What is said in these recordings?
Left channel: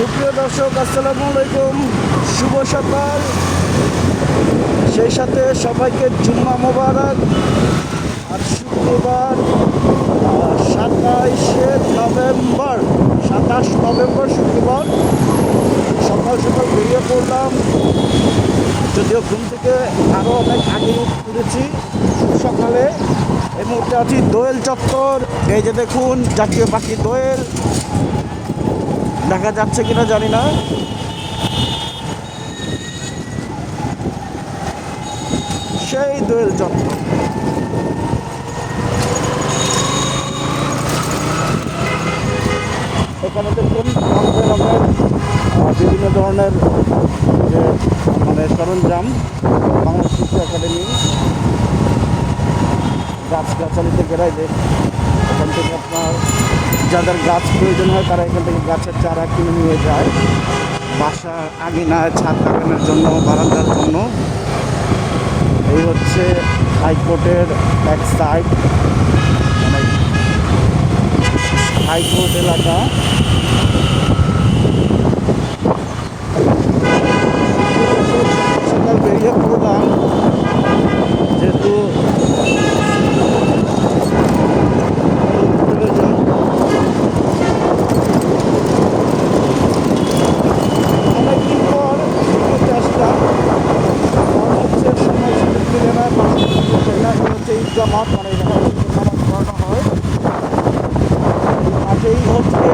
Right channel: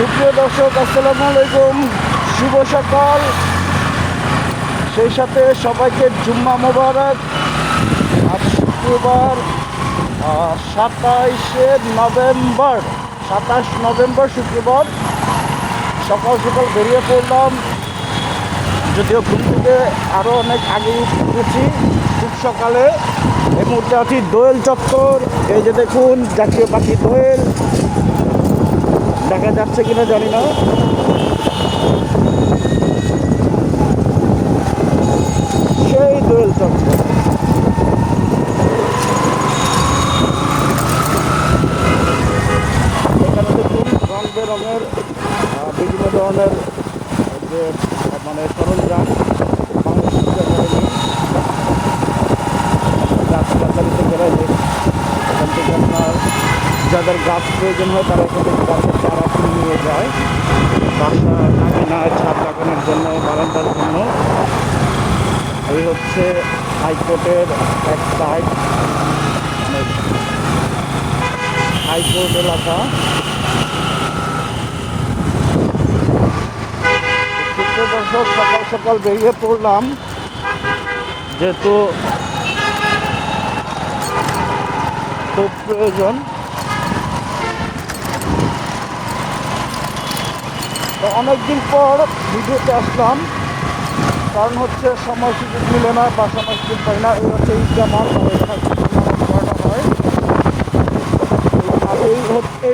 সুপ্রিয় দর্শক, আসসালামু আলাইকুম। শুভ সকাল, সেই সাথে সবাইকে জুম্মা মোবারক। আজ শুক্রবার 27 নভেম্বর শুক্রবার সকাল সকাল বেরিয়ে পড়লাম। যদিও ঘুম থেকে আরও অনেক আগে উঠেছি খুব সকালে। এই মুহূর্তে আছি দোয়েল চত্বর। এই যে দেখুন, জাতীয় পাখি দোয়েল দেখা যাচ্ছে কিনা জানি না। সেই দোয়েল চত্বর, এখানে দেখুন রঙ বেরঙের বিভিন্ন ধরনের যে সরঞ্জাম। বাংলাদেশ কৃষি একাডেমি গাছগাছালিতে বেড়াইবে। এখান থেকে আপনার যাদের গাছ প্রয়োজন হয় তারা এখান থেকে গাছের চারা কিনে নিয়ে যায় বাসা আঙিনায় ছাদ বাগানের জন্য, বারান্দার জন্য। এই হচ্ছে হাইকোর্টের এক সাইড, মানে হাইকোর্ট এলাকা। সকাল সকাল বেরিয়ে পড়লাম, যেহেতু খুব প্রয়োজন। অনেকদিন পর ভিডিওতে আসলাম, কারণ হচ্ছে সময় সুযোগ মিলে না বা সময় সুযোগ পাই না। এই হচ্ছে ঈদগাহ মাঠ, মানে নামাজ পড়ানো হয়। আর এই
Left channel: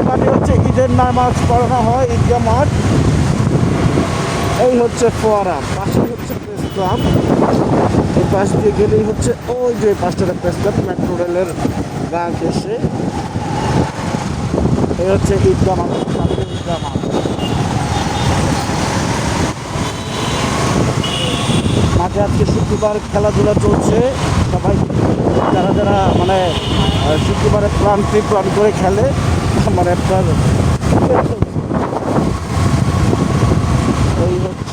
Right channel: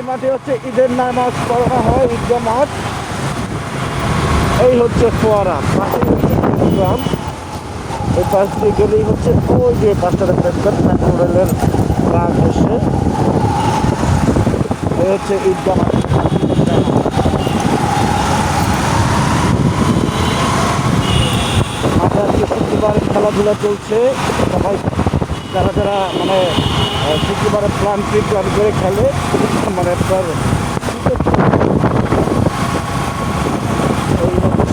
মাঠে হচ্ছে ঈদের নামাজ পড়ানো হয়, ঈদগাহ মাঠ। এই হচ্ছে ফোয়ারা, পাশেই হচ্ছে প্রেসক্লাব। এই পাশ দিয়ে গেলেই হচ্ছে ওই যে পাঁচটা প্রেসক্লাব, মেট্রো রেলের বাঁ ঘেসে। এই হচ্ছে ঈদগাহ মাঠ। মাঠে আজকে শুক্রবার খেলাধুলা চলছে। সবাই যারা যারা মানে শুক্রবারে প্ল্যান করে খেলে, মানে আপনার এই হচ্ছে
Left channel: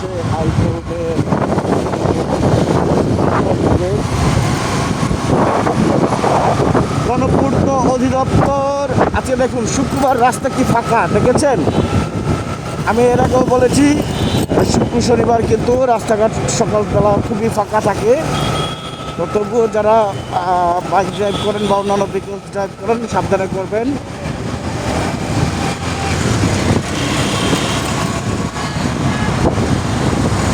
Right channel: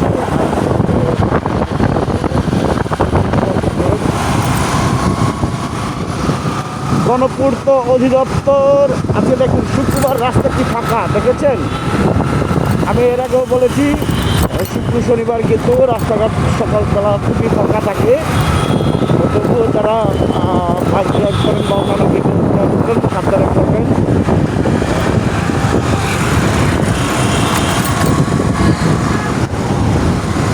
গণপূর্ত অধিদপ্তর। আজকে দেখুন শুক্রবার রাস্তা কি ফাঁকা, দেখেছেন? আমি এর আগেও বলেছি শুক্র শনিবার কিন্তু রাস্তাঘাট সকালবেলা খুবই ফাঁকা থাকে। তবুও যারা বাইক ড্রাইভ করেন বা অন্যান্য ভেহিকল ড্রাইভ করেন সাবধানে করবেন।